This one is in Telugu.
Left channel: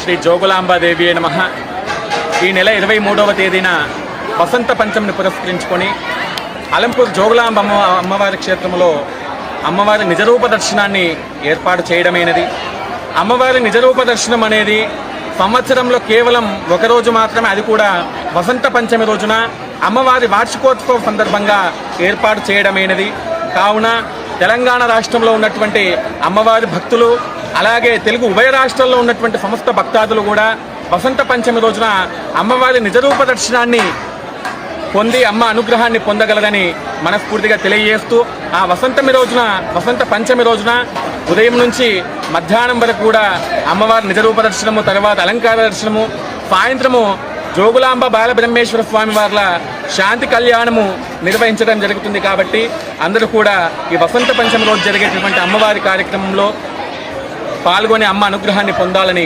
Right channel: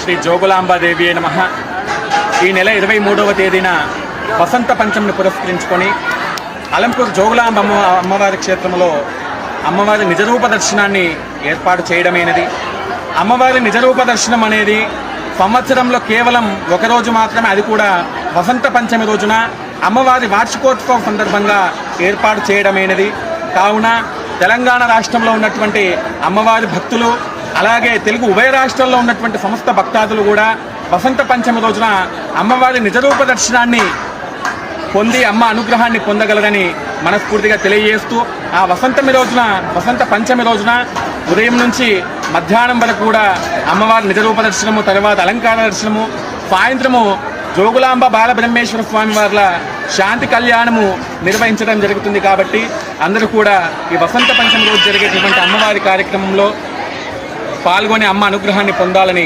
శ్రీ జోగులాంబాదేవి నమః. ఈ నెల 23వ తేదీన వసంత పంచమిని పురస్కరించుకొని అలంపూర్ జోగులాంబ అమ్మవారి క్షేత్రంలో అమ్మవారి నిజరూప దర్శనాన్ని ఏర్పాటు చేయడమైనది. అమ్మవారి నిజరూప దర్శనం అనేది సంవత్సరంలో కేవలం ఒకరోజు మాత్రమే, అది కూడా వసంత పంచమి రోజున అమ్మవారి వార్షికోత్సవం సందర్భంగా ఏర్పాటు చేయడమైనది. కావున తెలంగాణ రాష్ట్రంలో ఉన్నటువంటి అమ్మవారి భక్తులు, అలాగే తెలుగు ఉభయ రాష్ట్రాల్లో ఉన్నటువంటి సమస్త భక్తాదులు కూడా వసంత పంచమి రోజున అమ్మవారి నిజరూప దర్శనాన్ని పొంది అమ్మ అనుగ్రహాన్ని పొందగలరని మనస్ఫూర్తిగా తెలియజేస్తూ, ఆ వసంత పంచమి రోజున ఉదయం నుంచి మధ్యాహ్నం వరకు కూడా అమ్మవారి నిజరూప దర్శనము, తర్వాత అలంకార దర్శనము, సాయంత్రము జోగులాంబ బాలబ్రహ్మేశ్వర స్వామి వార్ల శాంతి కళ్యాణము నిర్వహించడం జరుగుతుంది. కాబట్టి అందరూ కూడా ఈ వసంత పంచమి రోజు జరిగేటటువంటి అమ్మవారి కార్యక్రమంలో పాల్గొని అమ్మ అనుగ్రహాన్ని పొందాలని